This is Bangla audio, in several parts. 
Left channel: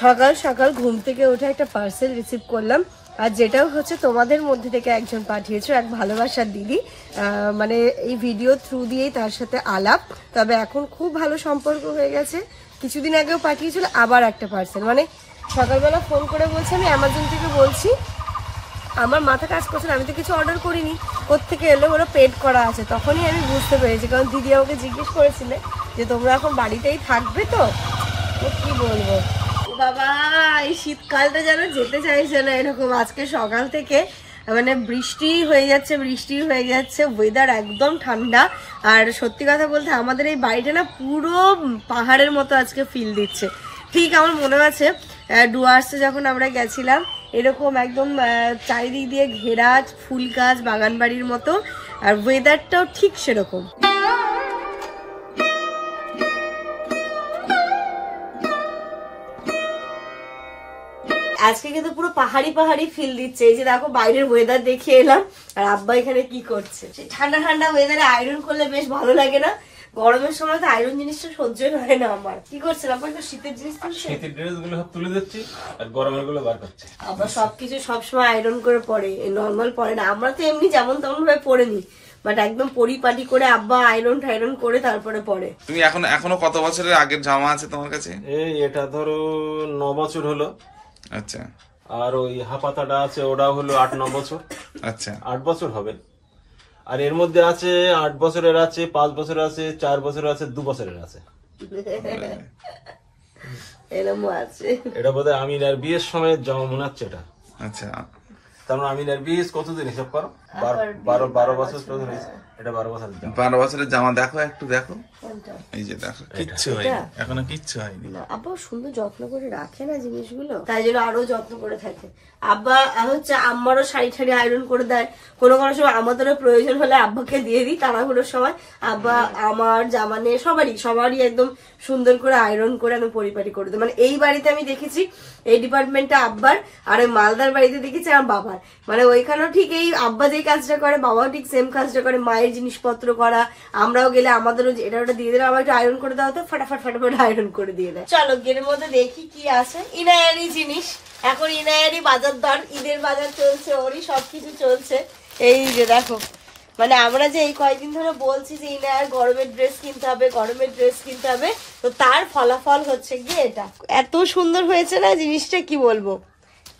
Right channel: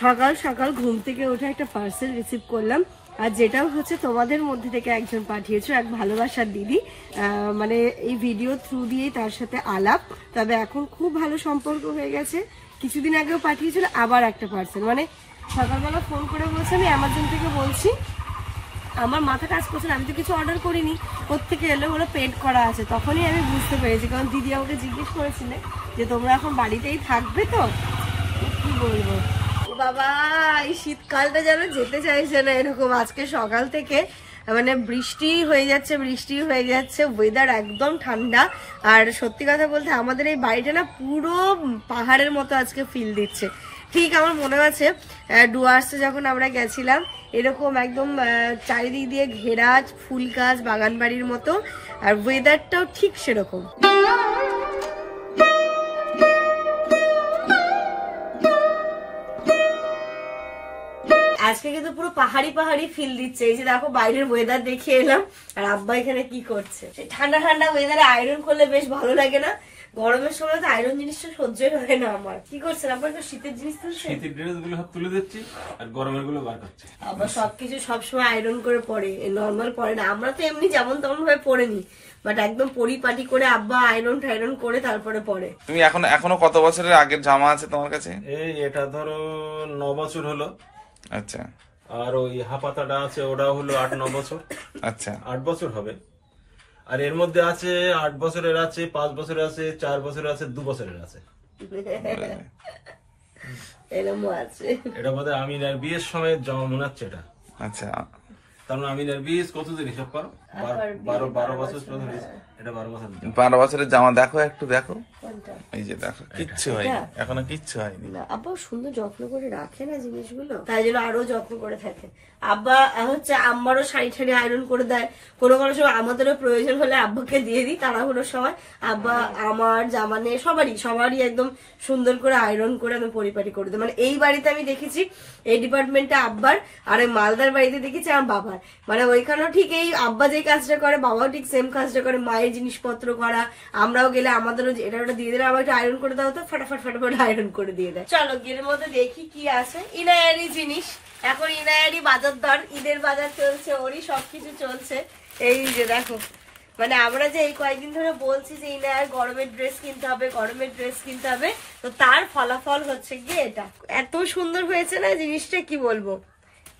সকাল সকাল ঘুম থেকে উঠে একটা পার্সেল রিসিভ করলাম, আর যেটাও হচ্ছে তোমাদের মধ্যে থেকে একজন পাঠিয়েছো, এক ভালোবাসার দিদি। মানে এই ভিডিও থ্রু দিয়েই তার সাথে আলাপ, তবে এখন খুব ভালো সম্পর্ক হয়ে গেছে। কিছুদিন আগেও পাঠিয়েছিল আবার একটা পার্সেল, মানে সকালবেলা ফোন করে বলছে আমি অ্যামাজন থেকে বলছি। আমার মাথা কাজ করছে না, আমি তো কিছু অর্ডার করিনি, কোত্থেকে এলো, হলো পেড করা আছে। তখনই আমি বুঝতে পেরেছি, কারণ দিদি আমাকে জিজ্ঞেস করেছিলে যে তোমরা এখন বাড়িতেই থাকবে তো কি বলবো। বাবা এই শীতকালটা যেন যেতে চাইছে না এরকম। আজকে সকাল থেকে মানে বৃষ্টি হয়ে যাচ্ছে, ওয়েদার একদম ঠান্ডা। আর সত্যি কথা বলতে আমাদের এই বাড়িটা না পুরো পাহাড়ের মতো আজকে ফিল দিচ্ছে। ঠিক আমার মনে আছে ডুয়ার্সে যখন আমরা গেছিলাম, এরকম একদম চারিদিক দিয়ে ঘেরা ফুল গাছ, বাগান বাড়ির মতো, আর ওয়েদারটাও ঠিক সেরকম। আজকে কিন্তু পুরো পাহাড়ি পাহাড়ি ফিল দিচ্ছে। এই যে দেখো বাইরের ওয়েদার দেখে এলাম, আর আব্বা এখানে কি করছে। ঠান্ডা ঠান্ডা ওয়েদারে আয়রন করলে বেশ ভালো লাগে না? গরমের সময় তো আয়রন জিনিসটা সহ্যই হয় না আমার। কি করছেন আপনার? শীতের জিনিস তুলছে, শীতের ড্রেস গুলো সব তুলে দিচ্ছি আর গরমের গুলো বার করছি। আবার সবকিছু সবসময় আয়রন করে পরে, নর্মাল পরে না। আমরা তো এমনি যেমন তেমন ভাবে পরে নি, বাট একদম পরিপাটি করে আব্বা আয়রন টাইরন করে তারপরে পরে। তুমি এখনো কত বছরের আগের জামা আছে তোমার কাছে? এই এটা ধরো 9 বছর হলো। আচ্ছা। আর ওই হাপাতাটা আছে, ওটাও হলো 8-9 বছর। আচ্ছা, 8 বছর হবে। আর এর মধ্যে আছে 8 বছরের আছে, 5 বছরের আছে, 4 বছরের আছে, 2 বছরের আছে। এরকমও আছে। এটা বোধহয় আমিনার বিয়ের সময় জামা মনে হচ্ছে এটা। আচ্ছা, তার মানে আমিনার বিয়ে কতদিন হিসাব করো? 12 বছর হয়েছে। এটা 12 বছরের জামা। 12 বছরের জামা দেখো, একটু দেখো। এই যে দেখো, কিচ্ছু হয়নি, এখনো কিচ্ছু হয়নি। আব্বা সুন্দর যত্ন করে রাখে না জিনিসগুলো, তাই জন্য আরো যত্ন করে থাকে। আব্বা হচ্ছে আম্মারও শাড়ি ঠাড়ি আয়রন করে দেয়, কোনো কোনো সময় আমাদেরও প্রয়োজন হলে আব্বাকে দিয়ে দিই তাড়াহুড়োর সময়। আব্বা আমার জামা নিয়ে সবারই একদম সুন্দর করে আয়রন করে আমি পরিপাটি করে দিই। মানে এই বাড়িতে আমি দেখেছি এই ডিপার্টমেন্টটা আব্বার, আর ওই মালদার বাড়িতে দেখেছি আমার বাবার। মানে ওইখানেও ঠিক এই আব্বা যেই কাজটা করে বাবাও ঠিক সেম কাজটা করে, মায়ের জিনিসপত্র করা। আমরাও গেলে আমাদেরও এটা ওটা দিয়ে দিলে, আমার একটু আয়রন করে দাও তো, ফটাফট আয়রন করে দিয়ে দেয়। চলো গের মধ্যে দেখি কি আছে। ইনায়ারি জিনিস, এখন ইনায়ারি বাজার দর, ঈদের বাজার চলছে, ওরই সবকিছু চলছে। এই যে দেখো, মানে আমরা যে এই কয়েকদিন ধরে বলছি যে ইনায়ার গরমের ড্রেস কিনতে হবে, তো তার ফলাফল হচ্ছে গিয়ে এটা। এত সুন্দর হয়েছে না জিনিসটা, কি বলবো।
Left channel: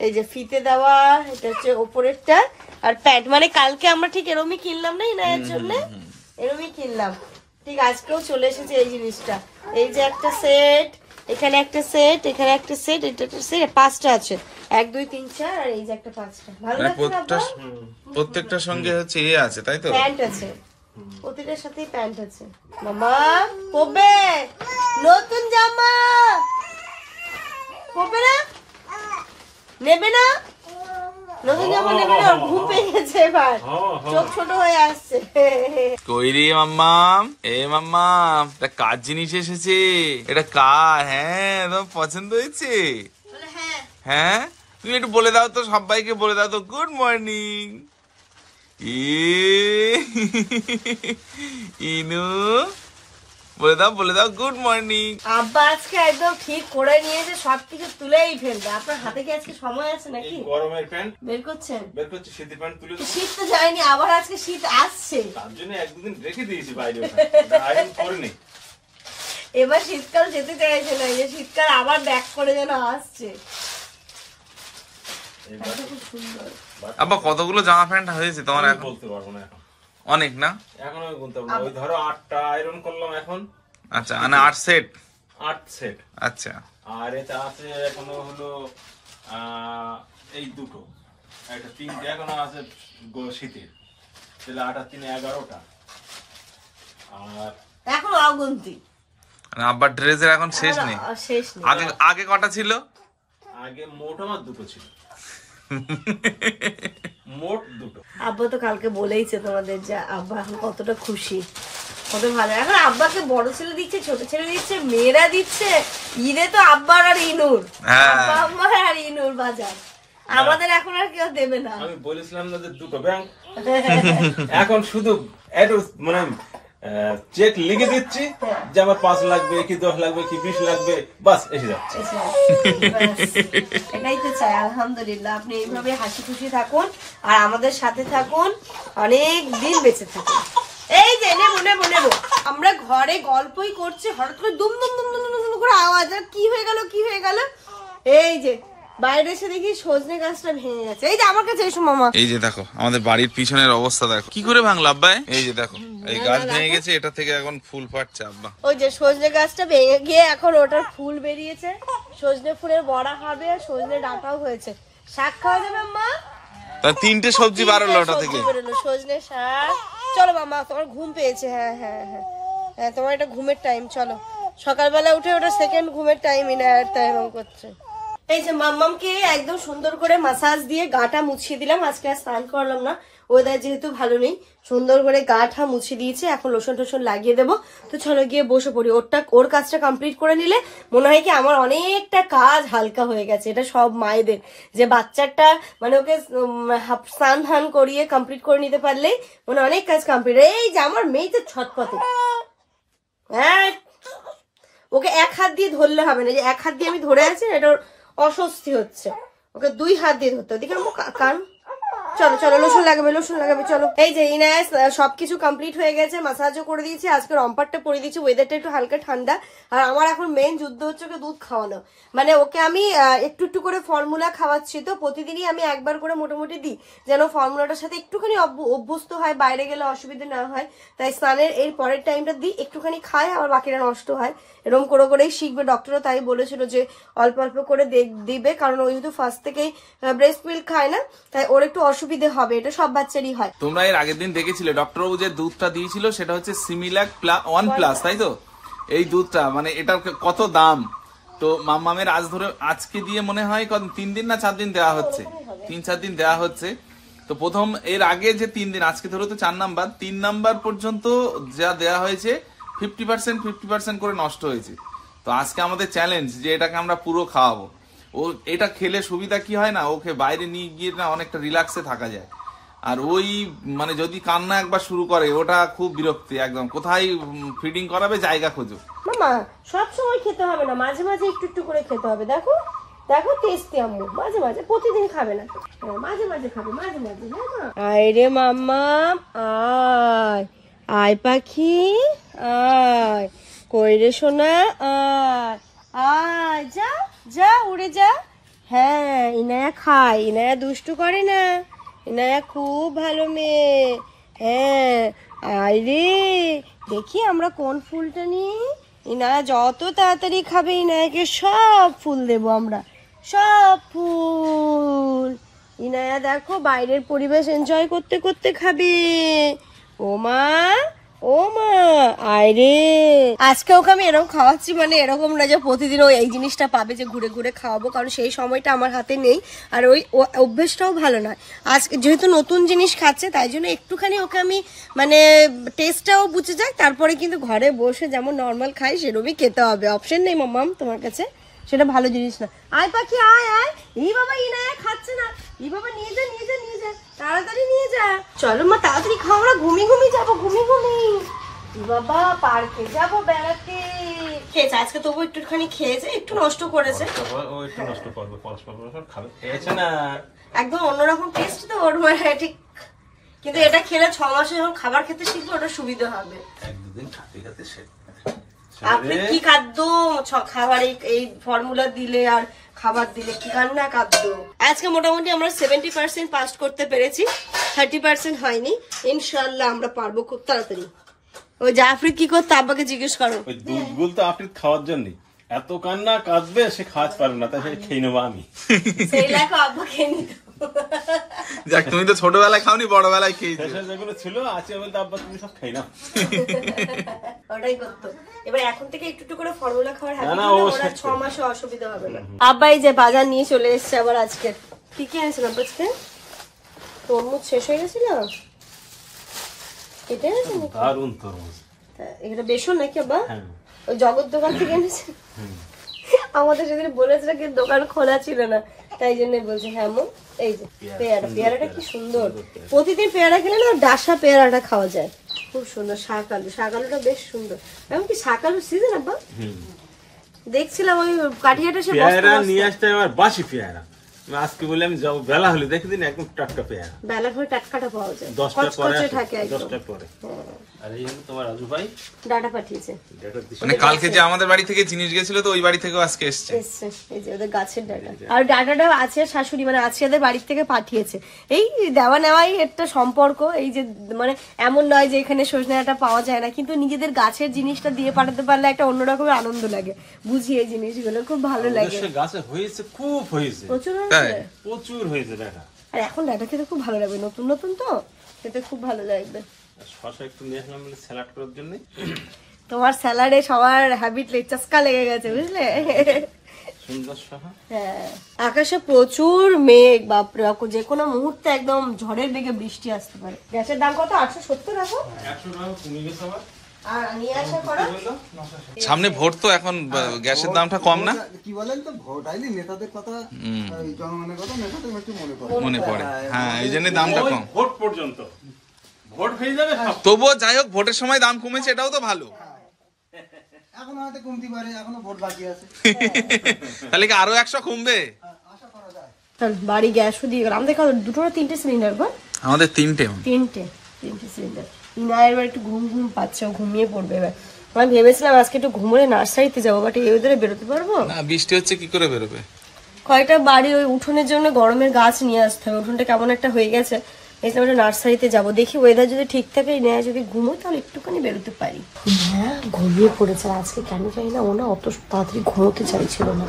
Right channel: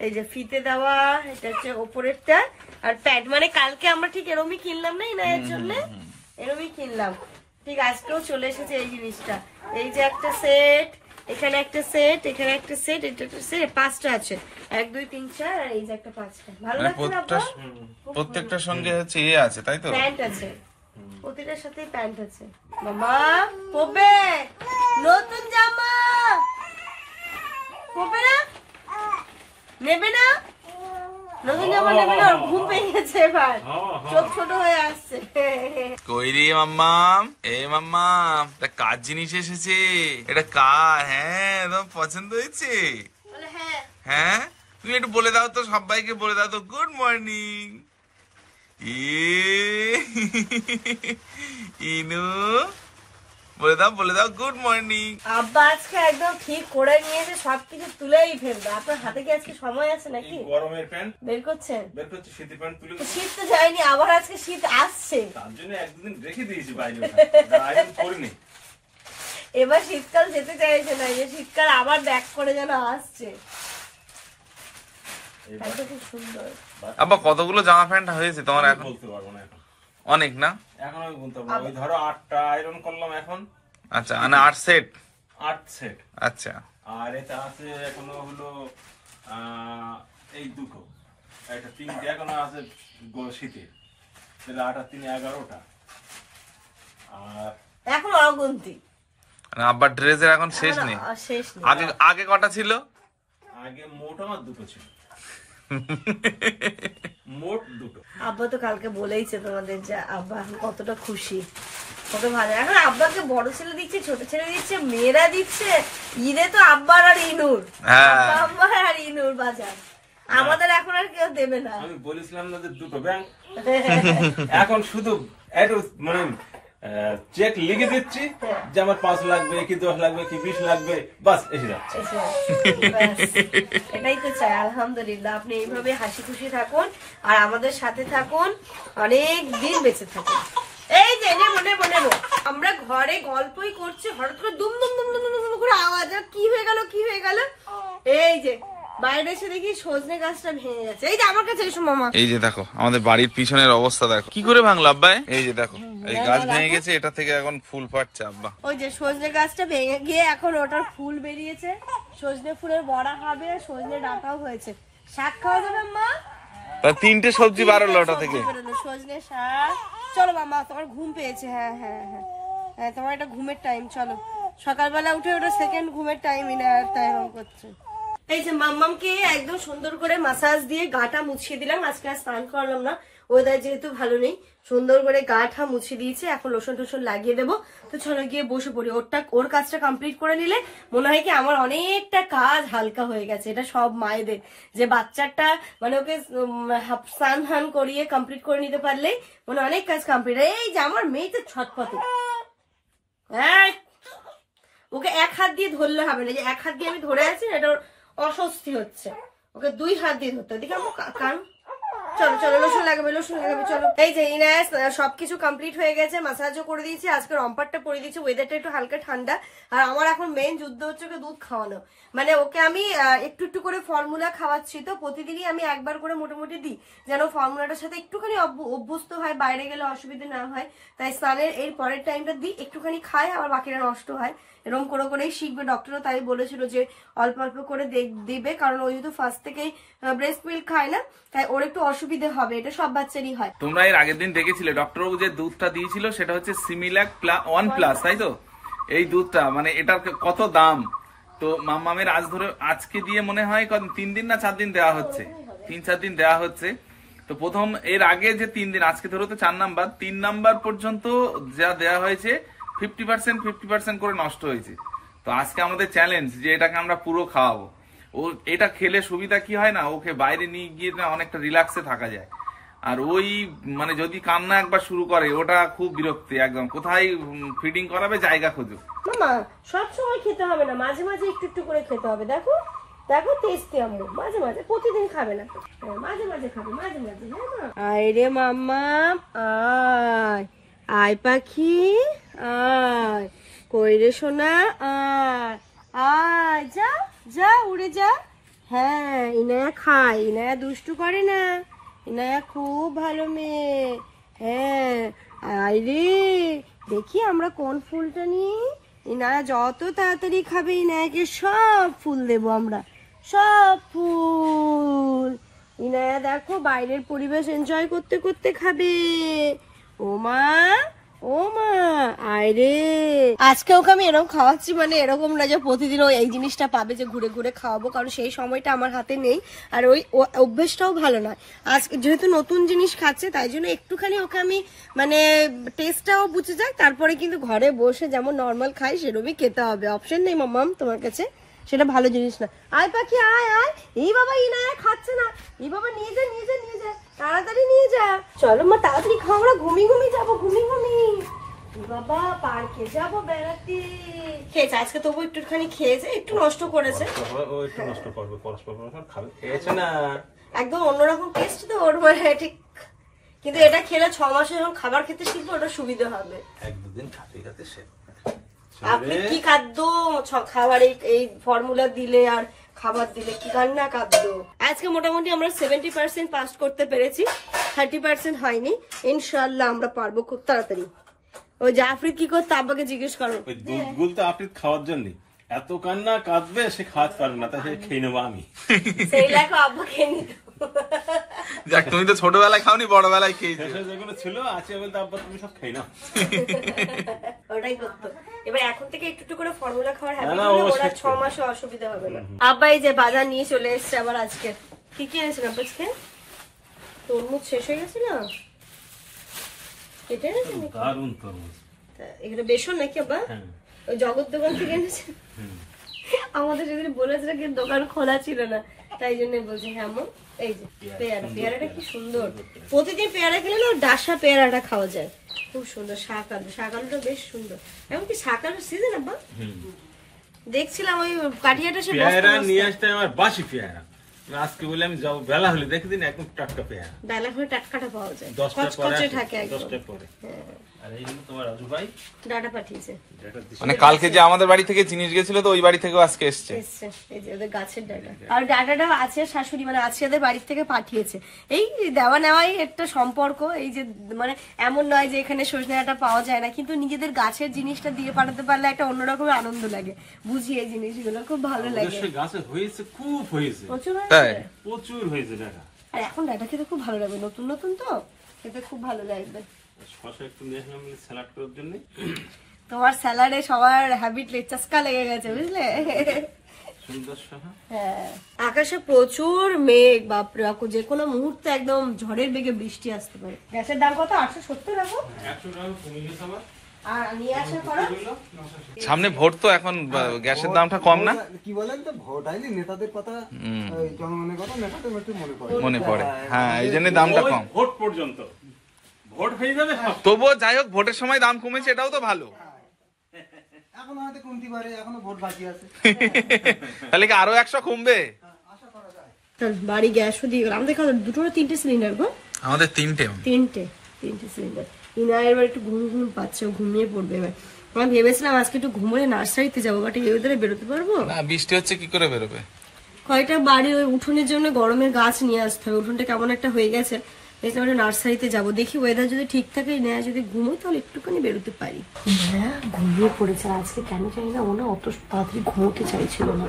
এই যে ফিতে দেওয়া, এটা হচ্ছে ওপরেরটা, আর প্যান্ট। মানে কালকে আমরা ঠিক এরমই কিনলাম না ইনায়ার জন্য, এরমই কিনলাম। ঠিক আজকেও চলে এসেছে এই জিনিসটা। এই যে একটা সেট, এখানে একটা সেট, এখানে একটা সেট, এটা একটা সেট, 5টা আছে। 1 2 3 4, আর এই যে একটা 5টা। ভালো লাগছে না? প্রত্যেকটার সঙ্গে হচ্ছে এ আছে, তাই তো? প্যান্ট আছে, প্রতিটার সাথেই প্যান্ট আছে। মামা পরবে নতুন জামা, পরবে না? নেবে না? নতুন জামা নেবে না? ঘুম পেয়ে গেছে এবার, চোখ ছোট হয়ে আসছে। কইরি মাম্মাম, মাম্মাম, এটা কার জিনিস এসেছে? এটা কার? হ্যাঁ, তোমার পছন্দ হয়েছে? হ্যাঁ, তুমি একটু বলে দাও তো, সবাইকে বলে দাও তো, গুড মর্নিং। ইনু বলে দাও গুড মর্নিং। আব্বা আজকে একদম ঠিক করে নিয়েছে, সবকিছু তুলেই ফেলবে। আপনার হাতে কি আজকে সময় আছে নাকি? গরমের প্যান্ট বের করছেন? শীতের প্যান্ট তুলে। শীত তো যায়নি, আবার আজকে শীত আসছে, তার জন্য 1-2 দিন রেখে দিয়েছি বাইরে। এবার শীতকাল যেতে চাইছে না, এই যে শীতকাল আবার ব্যাক করে যেন আসছে। খুব সুন্দর। আব্বা কতগুলো জামা প্যান্ট হয়েছে তোমার এখন? বলতে পারবো না এখন, অনেক না? এখন আমি বলতে পারবো। ওই ধরো 8টা আয়রন করলাম এখন। আচ্ছা, মানে 8 সেট। 8 সেট। আচ্ছা। আর এটা আছে এখনো হলো এই দুটো, একটা 3টে এখনো আছে শীতের, তাহলে 8 আর 3 11টা। আর এখন অগুন্তি, মানে আব্বার ড্রেসের এখন শেষ নেই। আগে কটা ছিল? আগে মোট আমার 2টো ছিল, মোট 2টো। আব্বা তো কালকে বলেইছে তোমাদের যে আব্বা এখন কতটা খুশি, কত ভালো। এখন আব্বাকে বড় ছেলে দিচ্ছে, ছোট ছেলে দিচ্ছে, মেয়েরা দিচ্ছে। ঈদে তো আব্বার আর ইনুর, আব্বার আর ইনুর বাজার। আমাদের এখন আর কেউ দেবে না। আমি বলেছিলাম না যে 2টো ব্যাংক, এখন শুধু একটু মানে চেক লিখে দিচ্ছি যে আমার 5 লাগবে কি 10 লাগবে কি 20 লাগবে, বাস এসে যাচ্ছে। এটাই তো চাই। আলহামদুলিল্লাহ, আপনি এইভাবে হাসি খুশি থাকুন আর আমাদের সাথে থাকুন, অনেক দিন বেঁচে থাকুন। এই যে নেবো নেবো নেবো, আমরা ঘরে গল্পই করছি, হঠাৎ করে দুম দুম দুম দুম দুম করে আওয়াজ, আর কি হয়ে গেল কি হয়ে গেল। এই যে বাইরে এসে দেখি সজনে গাছটা ভেঙে গেছে। এই যে আমার কাছে এসো মামা। এই যে দেখো আমাদের বাড়ির পিছনের অবস্থা দেখো কি করে ভাঙলো আব্বাই। এই যে দেখো এই গাছ ভেঙে গেছে, এটা থেকে এখন ফুল ফাটছে আব্বা। ওই যে সজনে গাছটা ভেঙে গিয়ে এখন ওটার ফুল বেরিয়েছে, সজনে ফুলের বড়া হবে, আর সজনে ডাঁটাও হয়েছে। শাক খাওয়া যাবে মা? তা 3টে সবজি বাড়লো ওটা থেকে। সজনে শাক। চলো মামা, তোমার ঘুম পেয়েছে। হ্যাঁ হ্যাঁ হ্যাঁ হ্যাঁ, তোমার এটা ঘুমের টাইম। চলো, সকালবেলা উঠে ওটা সেকেন্ড ঘুমের টাইম ইনায়ার তাই এরকম করছে। এই যে মাম্মামকে একদম সুন্দর করে মাসাজ দিয়ে গাটা মুছিয়ে দিলাম। আজকে আর স্নান করলাম না, ওয়েদার যেহেতু ভালো নেই। সুন্দর করে গাটা মুছিয়ে দিয়েছে, এখন লোশন টোশন লাগিয়ে দেবো। তো চলো গিয়ে বসে পড়ি। ওর কাজটা কমপ্লিট করে নিলে মনে হয় কি আমার অনেকটা কাজ হালকা হয়ে গেছে। এটা সব মায়েদের, যে বাচ্চাটা মানে ওকে স্নান ধান করিয়ে কমপ্লিট করে নিতে পারলে মানে অনেক কাজ কমপ্লিট। এই যে আমার মেয়ে তো ছটপটে, হ্যাঁ ওকে এক হাত দিয়ে ধরলে হবে না, যে এক হাত দিয়ে আমি ধরে আছি এটা অস্বস্তি হচ্ছে, ওকে 2 হাত দিয়ে ধরতে। দেখি আমার কান। চলো চলো, লোশন লাগাবে লোশন লাগাবে। চলো, এই যে ইনায়াস সবকিছু কমপ্লিট হয়ে গেছে, মাসাজও করে দিয়েছি, আজকে রম্পারটা পরে দিয়েছি। ওয়েদারটা একটু হালকা ঠান্ডা, আর আমার এখন মেন যুদ্ধ হচ্ছে ওকে দুধ খাওয়ানো। মানে ওকে আমি একটু একটু করে ফর্মুলা খাওয়াচ্ছি, তো প্রতিদিনই আমি একবার করে মোটামুটি দিই, যেন ফর্মুলাটার সাথে একটুখানি অভ্যস্ত হয়, বাইরে গেলে অসুবিধা না হয়। তাই স্নানের এই পরের টাইমটা দিই, একটুখানি খায়, আবার বাকিটা নষ্ট হয়। এরকম করে করেই শিখবে। ডক্টরও তাই বলেছিল যে অল্প অল্প করে দিবে, কারণ ও যেহেতু ফার্স্ট থেকেই ব্রেস্ট মিল্ক খায় না, তাই ওর একটু অসুবিধে হবে। এটা সব বাচ্চারই হয়। তোমরা এর আগের দিন দেখেছিলে ডক্টরবাবু যে দুধটা দিয়েছিল সেটা হচ্ছে সিমিলাক 1+, তাই তো? এই দুধটা মানে এটার কত দাম। তো মাম্মামের আজকে দিয়ে মনে হয় 3 দিন না 4 দিন দেওয়া হচ্ছে, 3-4 দিন দেওয়া হচ্ছে। তো প্রথম এর আগে যে 3 দিন, আজকে ধরো তো 4 নাম্বার, 3 নাম্বার পর্যন্ত যা দেওয়া হয়েছে 50% করে নষ্ট হয়েছে। তো আজকে আমাদের চ্যালেঞ্জ যে এটাকে আমরা পুরো খাওয়াবো। ও এটা খেলে সুবিধা কি হয় না, ওকে বাইরে নিয়ে গিয়ে না অনেকটা রিল্যাক্সে থাকা যায়। আর ওই মানে যদি কান্না একবার শুরু করে ওটা খুব বিরক্তি, একদম কোথায় ফিডিং করাবে জায়গা খোঁজো। মামা সব সময় খেতে হবে না, মাঝে মাঝে একটু একটু করে খেতে হবে। দেখো দেখো টেস্টি আম্মু, মাঝে মাঝে, প্রতিদিন খাবে না, মাঝে মাঝে খাবে, মাঝে মাঝে। হ্যাঁ মা, আয় রে মাম্মা আয়, আয় পাখি আয়, কই রে সোনা আয়, আয় যা যা উড়ে যা। হ্যাঁ ইনায়া খায়, ইনায়া দুষ্টু করে না, ইনায়া খুব ভালো মেয়ে। হ্যাঁ আয় রে, দেখি আমরা কোন ফুলটা নিই। ইনায়া যত তাড়াতাড়ি খাবে ইনায়াকে সব ফুল দেবো আমরা, সব ফুল। ইনায়া দেখো বাইরের পরিবেশ এনজয় করতে করতে খাবে। ও মা ও মা আয় রে। আজকে ওকে আমি এরকম খাওয়াচ্ছি, মানে এরকম না যে প্রতিদিন ও এই জিনিসটা পাবে যে ঘুরে ঘুরে খাওয়াবো, কারণ সেই সময়টা আমার হাতে নেই, আর ওই অভ্যেসটাও ভালো নয়। আজকে যেহেতু নতুন জিনিস খাচ্ছে তাই জন্য একটুখানি ওকে আমি মানে টেস্টটাও বুঝে যায়, তারপরে কিন্তু ঘরে বসে যেমন নর্মাল খাই সেরকমই খেতে হবে। অপশন নেই মাম্মাম তোমার কাছে, সেটা ভালো জিনিস না। আয় পাখি আয় আয়। এই বাবা ইনায়া খাচ্ছে না, এই বাবা নিয়ে যা নিয়ে যা নিয়ে যা, তাড়াতাড়ি নিয়ে যা। চলো মা তাড়াতাড়ি খাও, আমরা ঘুমি যাবো, ঘুমি। বাবা পার্কে যাবো বেড়াতে। খেয়েছে আজকে, তবু একটুখানি খেয়েছে, একটু নষ্ট করেছে। ও একটু নষ্ট করবে, পরস্পর খাবে, খেয়েছে না একদম অন্যরকম টেস্ট তো ওর, মানে ঠিক। কিন্তু এটা খেলে 6 মাসে যখন খাবার খেতে শিখবে ওটা সুবিধা হবে। 1-2 দিন খাতে খাতে শেখ। আপনি কি খাদ্য খাবার এই ফর্মুলা দিলে আর খাবার দিলে কি কান্না খাদ্য। আজকে মোটামুটি আমরা 70% পাস করতে পেরেছি, 30% হয়নি। ইনশাআল্লাহ আমরা পারবো খুব তাড়াতাড়ি। ওই জাফরি কি করতে আব্বাকে জিজ্ঞেস করো। ওই দুধগুলো তো আপনি খাওয়ার জন্য এত কান্না কাঁদবে, সে খাওয়াতে পারবে না, তাই সে খেয়ে নেবো আমি। সেই লেখা আব্বা খেয়ে নিত। যাক তুমি তো ছোটবেলায় খাওনি, বড়বেলায় খেয়েছো। যেগুলো ছিল আছে বলতে আব্বা তুমি সব খাই না। ওটাই করতো। এবার এখন থেকে একটু একটু করে ফর্মুলা খাওয়ার হ্যাবিট না, হলে ওরা 6 মাসে অসুবিধা হবে না। আব্বা এই যে বাজার নিয়ে চলে এসেছে আবার আজকে। কি কি এনেছেন আব্বা আজকে? তরমুজ শেষ হয়ে গেছিল, কেটে এনেছেন নাকি? দারুণ তরমুজ। এগুলো বেসন নাকি আব্বা? ওই জগৎ দোকান থেকে এনেছেন? আমাদের সেদিন বলেছিল কিন্তু দোকান খোলা ছিল না, তাই জন্য বলছি। হ্যাঁ মো, এই যে পেয়ারাটা কি সুন্দর, প্রতিদিন পেয়ারা খেলে না ডাসা পেয়ারাটা খাওয়া যায়, খুব সুন্দর। শাকালুটা বেশ সুন্দর, এমনকি শাকালুর সিজন আব্বা দেখছিলাম ওই কাঠিয়াটা সে পেয়ারা নিয়ে আসতে আমার বাসি পেয়ারা, আজকে বলে আমি যাবো বেলা হলে দেখে দিন একদম টাটকা পেয়ারা, বেলা করে টাটকাটা পাওয়া যায়, 10টার পরে কচকচে থাকে একদম। 10টার পরে। আর এই জন্য তোমার রাজু ভাই ডাটা পাঠিয়েছে, মানে কালকে যে আমাদের বাড়ি থেকে জিনিস গেছিল তো ওই বাড়ি থেকেও আজকে এসছে। এই যে ওদের গাছের ডাটা, আর ডাটাটা আছে শাশুড়ি মানে আছে ওদের বাড়ির থেকে পাঠিয়েছে। এই দেওয়া নেওয়াই একটা সম্পর্ক, এই যে মানে এমন নয় যে এখানে সজনে ডাঁটা পাওয়া যায় না, কিন্তু নিজেদের গাছের জিনিসটা দিয়ে পাঠাতে পারলে একটা অন্যরকম আনন্দ লাগে, বুঝি এই জিনিসগুলো খুব ভালো লাগে। গাছে হয়েছে, খুব হয়েছে, প্রচুর হয়েছে, প্রচুর হয়েছে ডাটা। আর এখন ডাটা খেতে খুব ভালো লাগবে, নতুন নতুন তো খেতে খুব ভালো লাগবে। শসা একটু নিয়ে আসলাম স্যালাড করার জন্য। তোমার স্যালাডে সবার হ্যাবিট চাস্কা লেগে গেছে বুঝলে। সুন্দর শসা। হ্যাঁ, আকাশে প্রচুর মেঘ, বাপরে যে কোনো মুহূর্তে একদম ঝড়ের বেগে বৃষ্টি আসতে পারে। গ্যাসের দাম কত? 870 রাখো। 100 টাকা কমে গেছে আবার। আর নিয়ে আসা করা সামনে ভোট তো, এখন গ্যাসের দামটা কম না? কি বলেন তো, ভোট আইনি নেতাদের কথা, জনগণের কথা নেতাদের একটু মনে পড়ে, হ্যাঁ এই জন্য দামটা কম। ভোট পর্যন্ত ভোট হয়ে যাবে। তবুও যাই হোক, ভোটের সময় দাম কমেছে, এটাও তো ভালো। এখন হয়তো কমতে পারে, এখনো ভোট বাকি আছে। তাহলে কি আরো 100 কমবে? বাড়ি গ্যাসও দিয়ে গেল। আমাদের দুটো না তিনটে সিলিন্ডার গো? আমাদের তিনটে সিলিন্ডার। ইনায়ের এবার একটু ঘুম পাচ্ছে, ঘুমিয়ে পড়বে এবার। আমি ভেবেছিলাম আজকে একটু ঘুমোলে নার্সারিতে যাবো, বাট এই ওদের বেরোতে পারবো না, বৃষ্টি হচ্ছে কি করে বেরোবে? কয়টা বাড়ি ওই উঠোনের জন্য গরমের গাছ নিয়ে আসতে হবে, উঠোনটা কেমন একটা হয়ে গেছে, ওটা নার্সারিতে যাবো। দেখি ওয়েদার যদি ঠিক থাকে, নেয়া যদি ঘুমোই তাহলে একটুখানি বেরোতে পারি। হ্যাঁ, ঘুমিয়ে পড়েছে আজকে, কেন জানি না ও না অত তাড়াতাড়ি ঘুমোতে চাইছিল না।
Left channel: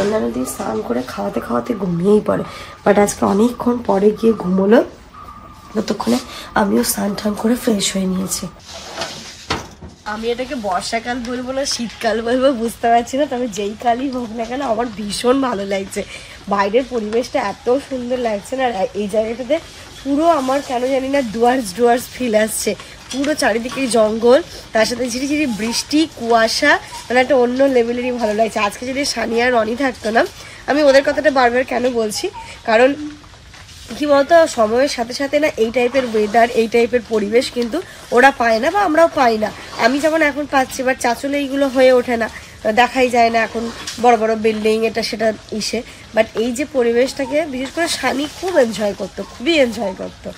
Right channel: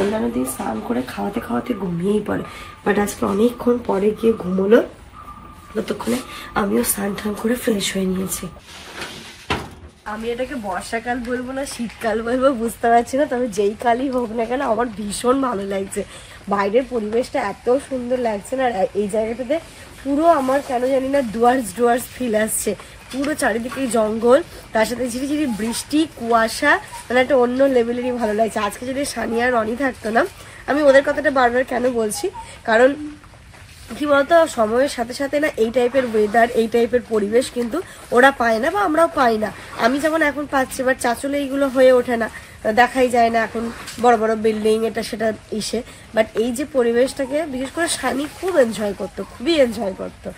অন্যান্য দিন স্নান করে খাওয়াতে খাওয়াতে ঘুমিয়েই পড়ে, বাট আজকে অনেকক্ষণ পরে গিয়ে ঘুমোলো। ততক্ষণে আমিও স্নান টান করে ফ্রেশ হয়ে নিয়েছি। আমি এটাকে বর্ষাকাল বলবো না শীতকাল বলবো বুঝতে পারছি না, তবে যেই কালই হোক না কেন আমার ভীষণ ভালো লাগছে। বাইরের পরিবেশটা এত সুন্দর লাগছে না, আর এই জায়গাটাতে পুরো আমার কেন জানি না ডুয়ার্স ফিল আসছে। পুরো চারিদিকে জঙ্গল, তার সাথে ঝিরিঝিরি বৃষ্টি, কুয়াশা, মানে একটা অন্য লেভেলেরই ভালো লাগছে। আজকে যদি সানিয়া আর রনি থাকতো না, আমি ওদের কথাটা বারবার কেন বলছি, কারণ কি বলতো সময়ের সাথে সাথে না এই টাইপের ওয়েদার, এই টাইপের পরিবেশ কিন্তু ওরা পায় না বা আমরাও পাই না। আমি যেমন এখন পাচ্ছি, বাট চাচলে এইগুলো হয়ে ওঠে না, দেখাই যায় না এখন বড় বড় বিল্ডিং এটা সেটা ইসে। বাট এই যে পরিবেশটাকে বিশেষ করে সানি খুব এনজয় করতো, খুবই এনজয় করতো।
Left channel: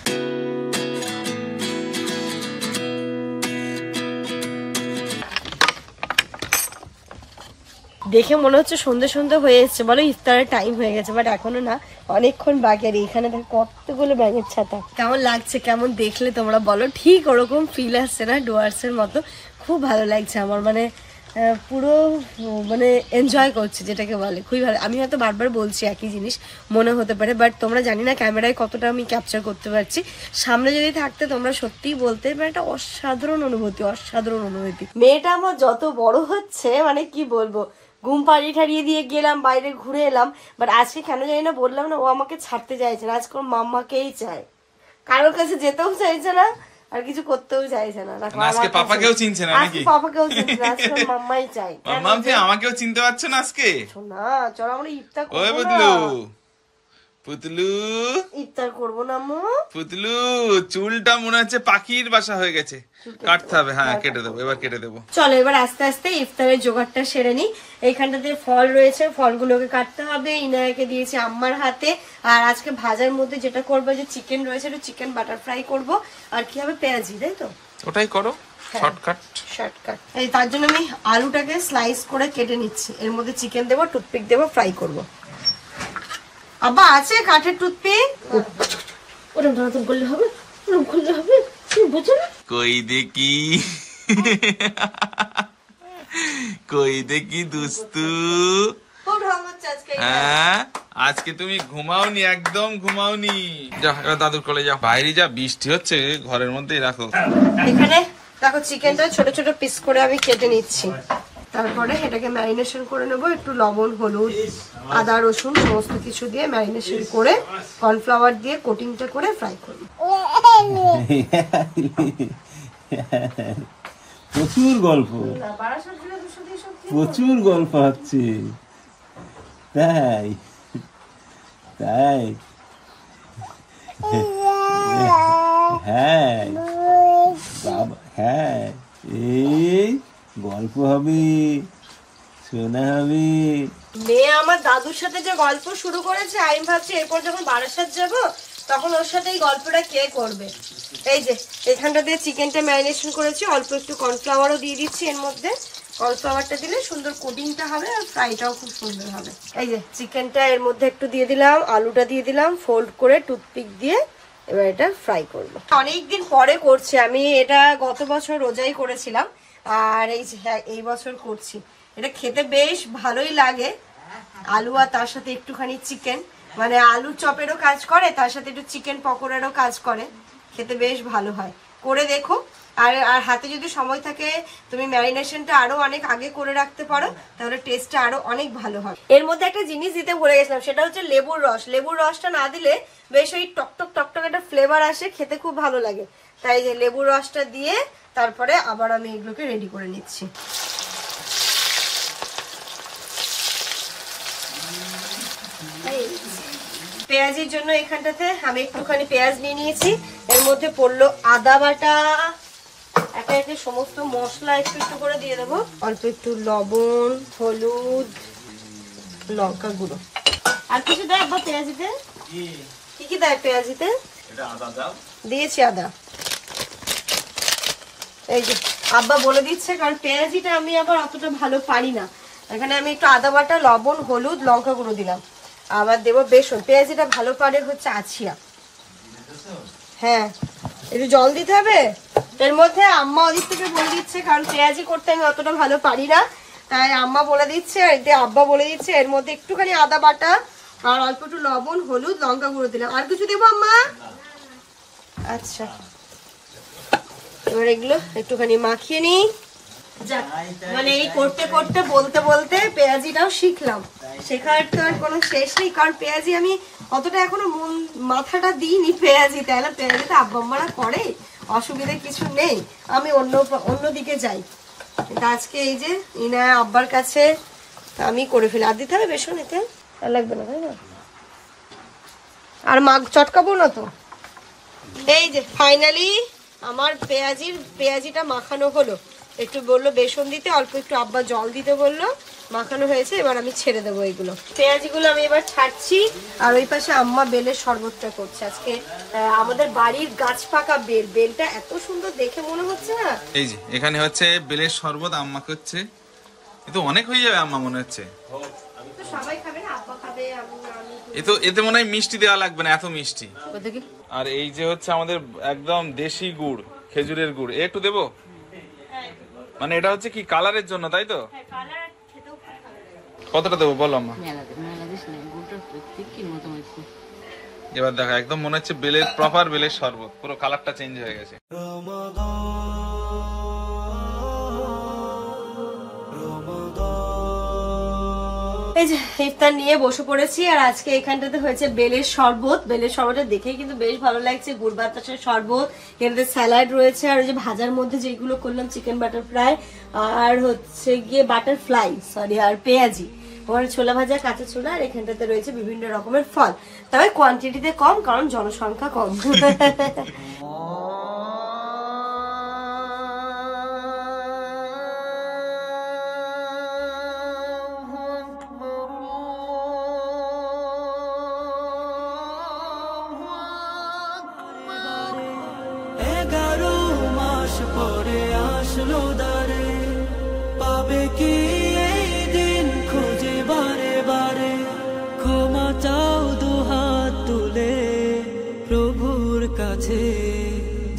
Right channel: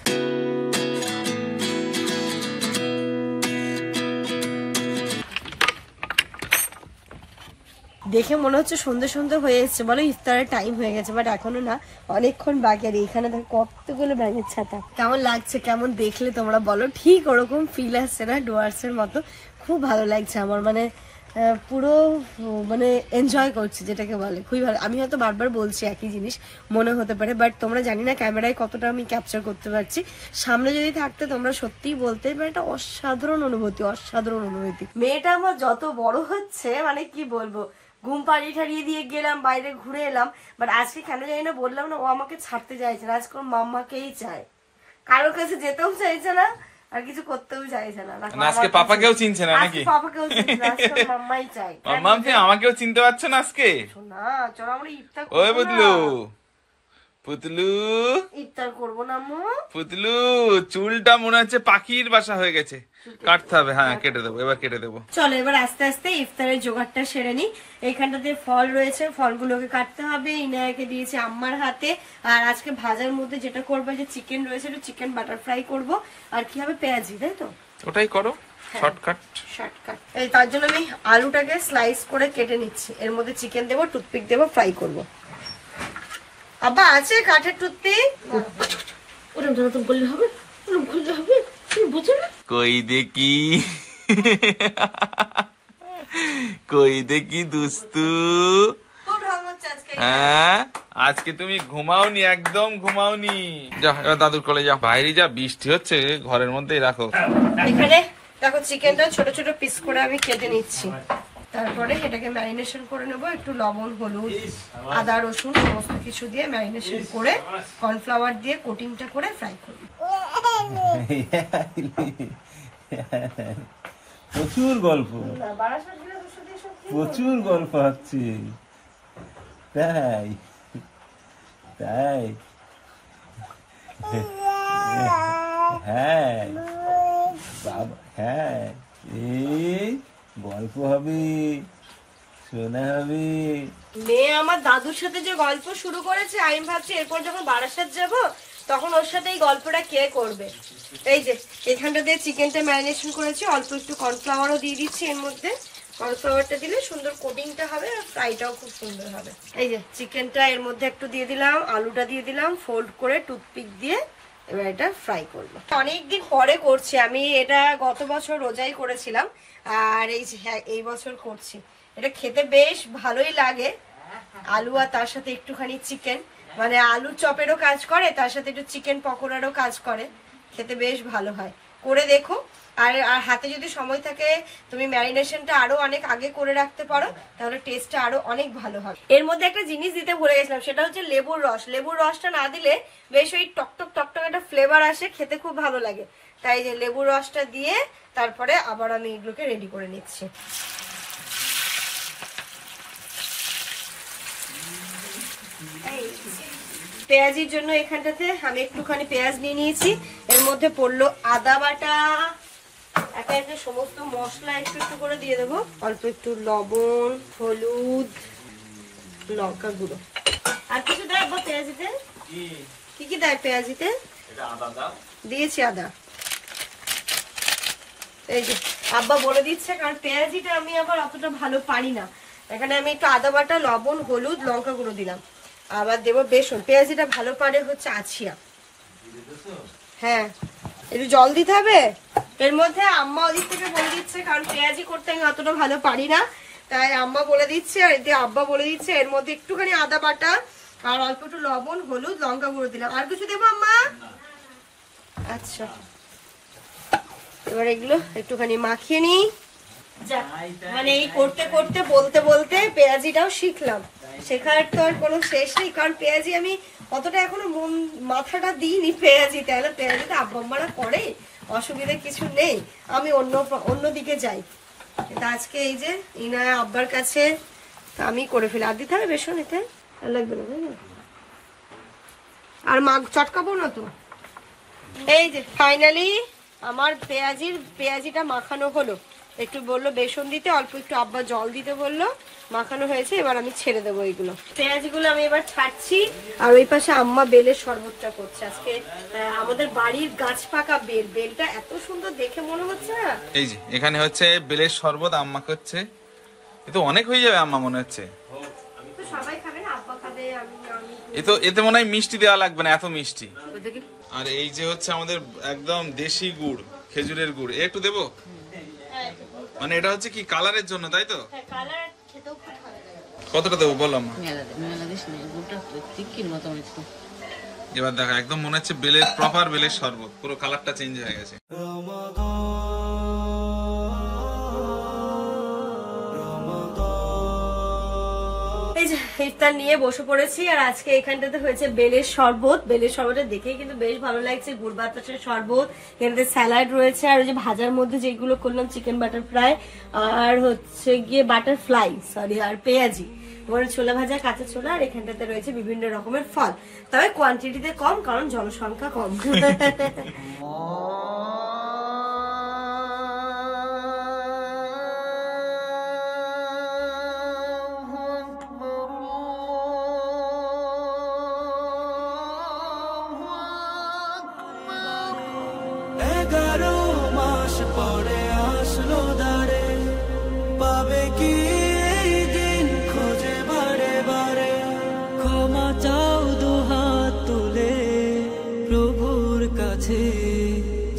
দেখে মনে হচ্ছে সন্ধ্যে হয়ে এসছে, বলো ইফতারের টাইম হয়ে গেছে, বাট এখনো না, অনেকক্ষণ বাকি। আর এখানে দেখ কতগুলো ব্যাঙের ছাতা, কেমন লাগছে, কেমন দেখলে তোমরা বলো। ঠিক ওরকম ফিল আসছে না ডুয়ার্সের মতো, খুব ভালো লাগছে আমার, মানে পুরো মানে এনজয় করছি যেটাকে বলে, খুবই ভালো। আমি হয়তো বারবার বলছি একই জিনিস, মনে হতে পারে, বাট তোমরা জানি না ক্যামেরায় কতটা আমি ক্যাপচার করতে পারছি। সামনে যদি থাকতে তোমরা সত্যিই বলতে, মানে একটা অসাধারণ অনুভূতি। মেয়েটা আমার যত বড় হচ্ছে, মানে কি বলবো, ঘুম পাড়িয়ে ঠাড়িয়ে দিয়ে গেলাম, বাইরে ঘুরে এলাম, বাট আজকে কেন জানি না বললাম না, ও আমাকে ছাড়তে চাইছে না, আজকে ওর মাম্মাকেই চায়, কারোর কাছে যেতেও চাইছে না, আর কিছু করতেও চাইছে না। আজকে পাপাকেও চিনছে না নাকি? পাপাকেও চিনছে না, আজকে মাম্মাই চাই। মাম্মা তুমি আমাকেও চিনতে পারছো না আজকে? না চলো আমরা ইফতার করব। ওই পুতলু ইফতার করবো না আম্মু? পুতলু চুলটা মনে হচ্ছে পাখির বাসা হয়ে গেছে, কাটতে হবে। হ্যাঁ কেটে দেবো, এবার কেটে দেবো। চলো এবার আস্তে আস্তে ইফতারের জোগাড়টা সেরে নি। এইখানটাতে ফল রয়েছে, ফলগুলোকে কাটতে হবে। ইনায়াকে দিয়েছি আম্মার হাতে। আর আজকে ভাজার মধ্যে যেটা করবো, যে চিকেন রয়েছে, একটু চিকেন বাটার ফ্রাই করবো। আর কি হবে, পেঁয়াজি, তাই তো? ওটাই করো, শর্টকাট। এই তার জন্য আমি আলুটাকে স্লাইস করে কেটে নিচ্ছি, এর মধ্যে চিকেন দেবো, টুথপিক দেবো, ফ্রাই করবো। আব্বা আছে কাঠের টুথপিক? ওরকম নতুন করলে হবে, তুমি বুঝো না? কই দেখি দুস্তু। হ্যাঁ আজকে তুমি ঘুমাওনি, একদম ঘুমাওনি। যা এবার দাদুর কোলে যাও। বাইরে যা বৃষ্টি হচ্ছে, ঘরের মধ্যেই রাখো। এখানে দেখো চিকেনটা ছোট ছোট পিস করে আমি কেটে নিচ্ছি। তারপরে এটাকে ম্যারিনেশন করে নেবো, একটু লবণ, হলুদ, আদা, রসুন সমস্ত কিছু দিয়ে ম্যারিনেশন করে কর্নফ্লাওয়ার দিয়ে কোটিংটা করে ফ্রাই করবো। প্রচুর গল্প। প্রচুর গল্প হচ্ছে, তাই তাই হ্যাঁ বাবা, হ্যাঁ এই গল্প হবে, শোনা হবে। মেয়ে আমার দাদুর সাথে যে গল্প শুরু করেছে, আমি ভাবছি এরপর যখন বারাসাত যাব তখন ওর সাথে এই গল্পটা কে করবে। এই যে এখানটা দিয়ে চিকেনটা ম্যারিনেশন করেছি, অল্প একটু কর্নফ্লাওয়ারও দিয়ে দিচ্ছি এর মধ্যে। কর্নফ্লাওয়ারটা দিলে সুন্দর কোটিংটা হবে আর ফ্রাইটাও খুব সুন্দর হবে। এই যে চিকেনটা এর মধ্যে একটু দিয়ে দিলাম, আলুটা দিয়ে দিলাম, ফোল্ড করে টুথপিক দিয়ে এবার এটা ফ্রাই করবো। অনেকদিন পরে করছি আমি এটা, গত বছর রোজাই করেছিলাম আর এই বছর করছি। এটা খেতে বেশ ভালোই লাগে, আলু আর তার সাথে একটুখানি চিকেন, মানে আলুর চপেরও কাজ করে, তার সাথে একটু চিকেন পকোড়ারও কাজ করে, খেতে বেশ ভালো হয়। করে দেখো। আর হাতে যদি সময় থাকে তুমি ম্যারিনেশনটা আরো অনেক আগে করে রাখতে পারো, তাহলে টেস্টটা আরো অনেক ভালো হবে। এর মধ্যে একটা জিনিস দিতে ভুলে গেছিলাম, সেটা হচ্ছে লেবুর রস। লেবুর রসটা না দিলে বেশ ওই টকটক টকটক একটা ফ্লেভার আসে, খেতে খুব ভালো লাগে। তাই যে লেবুর রসটা দিয়ে তারপরে আবার আমি এগুলোকে রেডি করে নিচ্ছি। পেঁয়াজের জন্য এখানটাতে আমি একটুখানি পেঁয়াজ নিয়ে নিয়েছি, এর মধ্যে পড়লো আদা বাটা, একে একে সমস্ত মশলা একটু একটু করে দিয়ে দেবো, অল্প একটু লবণ, হলুদ, লঙ্কা গুঁড়ো। আর কিছু দেয় আব্বা পেঁয়াজিতে? কি কি দেয় পেঁয়াজিতে? দিয়েছি আদা। এই যে আব্বা বলে দিচ্ছে, কারণ পেঁয়াজিটা আমি আবার অতটা ভালো পারি না। এখানে আমি একটু আদা বাটা, লবণ, হলুদ, লঙ্কা গুঁড়ো দিলাম, আবার দেবো বেসন। পেঁয়াজিটা ভালো পারে হচ্ছে আছিয়া। হ্যাঁ, একটু জল দিতে হবে এর মধ্যে। আম্মা ওদিক থেকে বলে দিচ্ছে, কারণ পেঁয়াজি করতে আমি অতটা ভালো পারি না, তাই আম্মা বলে দিচ্ছে আর এতে আব্বা বলে দিচ্ছে এর মধ্যে একটুখানি আদা বাটা আর অল্প একটু লবণ, হলুদ, লঙ্কা গুঁড়ো দিলাম। আর কিছু দেবো আম্মা? আচ্ছা, এবার এগুলো একটুখানি মাখিয়ে নিই। মানে এই করতে করতে বলতে বলতে পেঁয়াজিটাও শিখলাম, শেখার তো আর কোনো শেষ নেই। কারণ পেঁয়াজি আমি অতটা এখনো মাথাটা দিইনি পেঁয়াজি, তাই না? পেঁয়াজিটা আব্বা আম্মারা করে, অসুবিধা কিছু নেই, আমি অন্যদিকে যাই। কিন্তু আজকে এই যে ইনা আব্বার কাছে আমি করে ফেলি। আর দিতে হবে বেসন? এতে আর লাগবে না, তাই না? আর চটকাবো না তো। এই যে ফাইনালি আমার পেঁয়াজিটা মাখানো হলো। একটু বললো বেসন দিতে, অল্প একটু আব্বা জল দিতে বললো, মাখানো হয়েছে। এবার আমি ছেড়ে দেবো এইগুলো, পেঁয়াজিগুলো আমি এবার ছাড়ছি। আর ওই পাশে আম্মা বেলের শরবতটা করছে। আজকে আমাদের বাড়ির গাছ পাকা বেলটা এত সুন্দর দেখে মনে হচ্ছে না। এই যে এখানে হচ্ছে বেলের শরবত আম্মা করছে, এ তো অনেক হয়ে যাবে আম্মা মনে হচ্ছে। সবাই খাবে না, আব্বা খাবে, এতে মনে হয় মিষ্টি দেওয়া লাগবে না, এত মিষ্টি। আর এই যে হচ্ছে আমাদের একদম দেশি গুড়, খেজুরের গুড়, একটু দেবো? মানে এটা হচ্ছে কি কালারের জন্য, তাই তো? কতটা দেবো বলো আম্মা? এবার দেখা একদম মনে হচ্ছে বেলের প্রপার বেলের শরবত, পুরো কালারটা চেঞ্জ হয়ে গেছে। এই যে ইফতার নিয়ে বসে পড়েছি। আর আজকে এখানটাতে হয়েছে বেলের শরবত। বেলের শরবতটা দেখে কিন্তু বেশ ভালো লাগছে, গুড় বাতাসের শরবত, এখানে স্যালাড রয়েছে, আর ওই যে ভাজার মধ্যে যেগুলো করলাম চিকেন বাটার ফ্রাই, আর হচ্ছে গিয়ে বাটার ফ্লাই আর পেঁয়াজি, ওর ছোলা ভাজা, কাঁচা ছোলা, আর এখানটাতে রয়েছে বিভিন্ন রকমের ফল, তবে কোয়ান্টিটিতে কম কারণ জনসংখ্যা কম। পাবে কি এই দিন খুঁজে বারে বারে, ক্ষমা চাও দুহাত তুলে প্রভুর কাছে।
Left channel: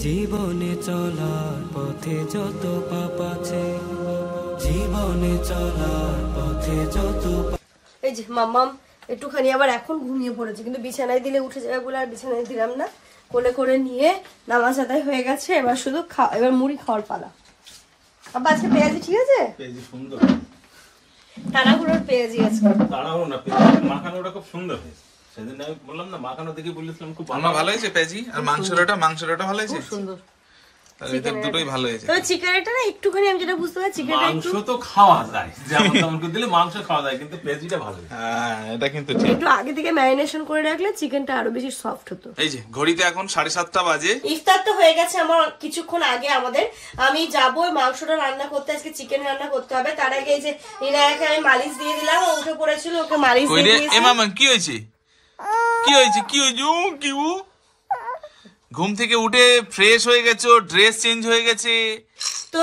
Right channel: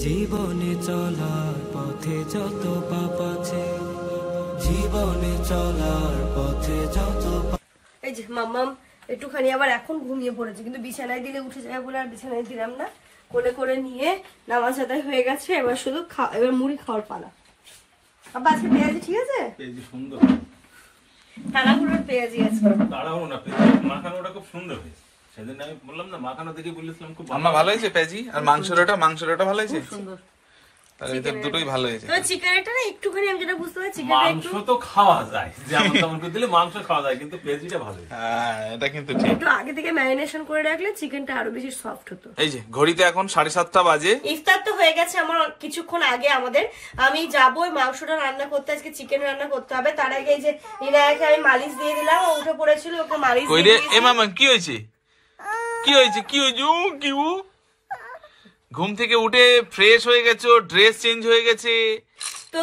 জীবনে চলার পথে যত পাপ আছে, জীবনে চলার পথে যত। এই যে মাম্মাম একটুখানি আবার এখন ঘুমিয়ে পড়েছে, কিন্তু বিছানায় দিলে উঠে যাবে বলে আর বিছানায় দিলাম না। কোলে করে নিয়ে নামাজ আদায় হয়ে গেছে, এবার শুধু এবার মুড়ি খাওয়ার পালা। আব্বা আজকে পেঁয়াজি ঠিক আছে? পেঁয়াজি সুন্দর, তাড়াহুড়োর পেঁয়াজি আজকে। তাড়াহুড়ো না, পেঁয়াজি মাখানোটা খুব সুন্দর হয়েছে। সেদিন আমি বললাম না, মাখানো দেখে বলেছিলাম খুব আম্মা ভালো হয়েছে পেঁয়াজি। আর মাংসটা ভালো হয়েছে? সুন্দর। তাহলে এটা দুটোই ভালো হয়েছে। তো চিকেনটা না একটুখানি আমি যেটা বুঝতে পারছি মাংস তো খাওয়া যায়, যেমন তেমন করে দিলে মাংস খাওয়া যায়, কিন্তু পেঁয়াজিটা ভালো। হ্যাঁ এটা কিন্তু ঠিক। একটু আগে থেকে ম্যারিনেশন করে রাখলে চিকেনটা আরো বেশি সফট হতো। এই যে ঘড়িতে এখন 7:30 বাজে। ইফতার তো হয়ে গেছে আমার কিছুক্ষণ আগে। আমাদের আমি যাবো মাংসটা রান্না করতে, আজকে চিকেন রান্না করতে হবে। তার আগে এই যে ইনায়াকে আমি মালিশ দিয়ে দিলাম, ও উঠে পড়েছিল, ওকে মালিশ দিয়ে দিয়েছি। এ মামা কি হয়েছে, কি হয়েছে, কি হয়েছে? ও কি, ও ঘুম থেকে উঠে ফ্রেশ হয়ে গেছো, ড্রেস চেঞ্জ হয়ে গেছে। তো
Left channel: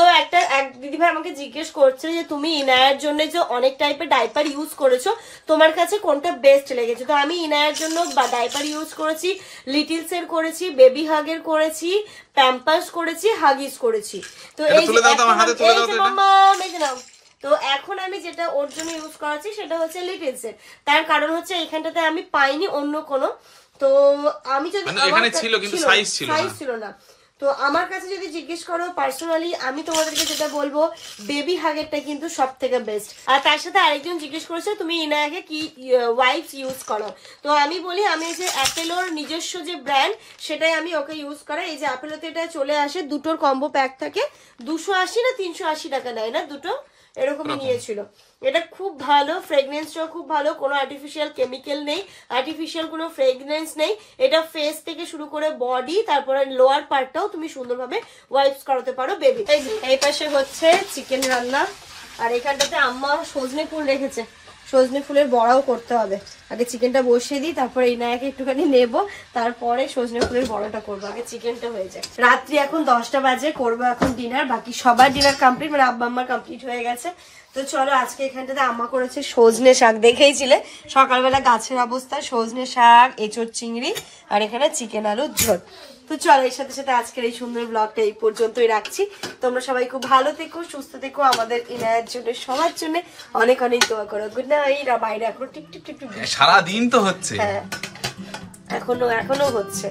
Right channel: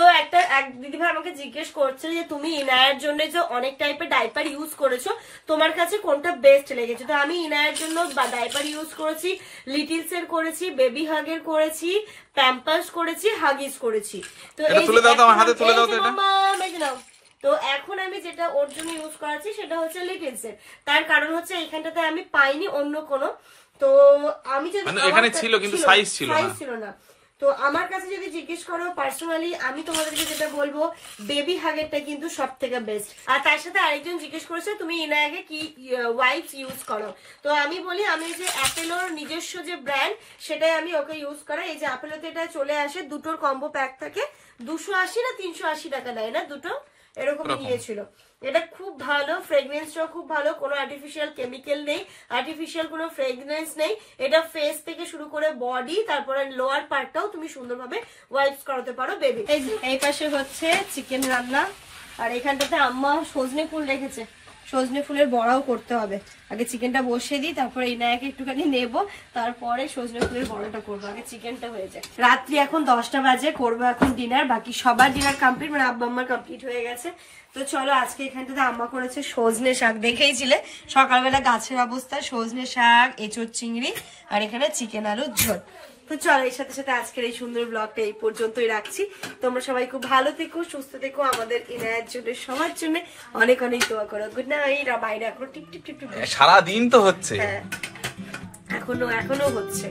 এক দিদিভাই আমাকে জিজ্ঞেস করছে যে তুমি ইনায়ের জন্য যে অনেক টাইপের ডাইপার ইউজ করেছো, তোমার কাছে কোনটা বেস্ট লেগেছে? তো আমি ইনায়ের জন্য ডাইপার ইউজ করেছি, লিটিলস এর করেছি, বেবি হাগের করেছি, প্যাম্পার্স করেছি, হাগিস করেছি। তো এই তুলে দাও তো আমার হাতে, তুলে দাও তো এটা। তো এখন আমি যেটা ওর জন্য ইউজ করাচ্ছি সেটা হচ্ছে লিটিলস এর। তার কারণ হচ্ছে এখানটাতে আমি পাইনি অন্য কোনো। তো আমি যদি এখানে ছিল কিন্তু সাইজ ছিল না। তো আমার কাছে যদি জিজ্ঞেস করো পার্সোনালি, আমি তোমাদেরকে যেটা বলবো বেবি হাগেরটা কিন্তু সব থেকে বেস্ট। আর তার সাথে আরেকজন জিজ্ঞেস করেছে তুমি ইনায়াকে কি ওয়াইপস ইউজ করো। তো আমি বলি আমি যে অ্যাপেলোর নিজস্ব যে ব্র্যান্ড সেটাই আমি ওকে ইউজ করা। এই যে অ্যাপেলোতে এটা চলে আসে, দুটোর কম্বো প্যাক থাকে, 280 না 380 টাকা নেয় না, দুটো এরকম নিয়েছিল। এটা খুব ভালো, ফ্রেগনেন্সটাও খুব ভালো, কোনো আর্টিফিশিয়াল কেমিক্যাল নেই, আর্টিফিশিয়াল কোনো ফ্রেগনেন্স নেই। এটা ফেস থেকে শুরু করে বডি, তারপরে লোয়ার পার্টটাও তুমি সুন্দরভাবে ওয়াইপস করাতে পারো বেবি। এই পাশে হচ্ছে চিকেন রান্না, আর এখানটাতে আম্মা সজনে ফুল রেখেছে, সজনে ফুলের বড়াও করতে হবে। আগে চিকেনটা বসিয়ে দিই, তারপরে ইনায়াকে একটুখানি নেবো, তারপরে সজনে ফুলের বড়াটা করবো। আগে চিকেনটা হয়ে যায়। রাত্রি এখন 10টা বাজে, করবো এখন ডিনার। বাকি সবার ডিনার কমপ্লিট, মানে আব্বা আম্মার কমপ্লিট হয়ে গেছে। তো চলো আজকে এখানটাতে আম্মা করেছে সজনে শাক, দেখেইছিলে সকালবেলা গাছের অবস্থা, সজনে শাক, এঁচোড় চিংড়ি, আর এখানে চিকেন আলুর ঝোল। তো চলো এর সাথে সাথে আজকের এই সুন্দর ব্লগটা এই পর্যন্তই রাখছি। তোমরা সবাই খুব ভালো থেকো, সুস্থ থেকো, আমাদের ইনায়ের জন্য সবার জন্য অনেক অনেক দোয়া করো। Good night. বাইরে এখন টিপ টিপ টিপ টিপ সারাদিন তো হচ্ছে। হ্যাঁ এখনো হচ্ছে।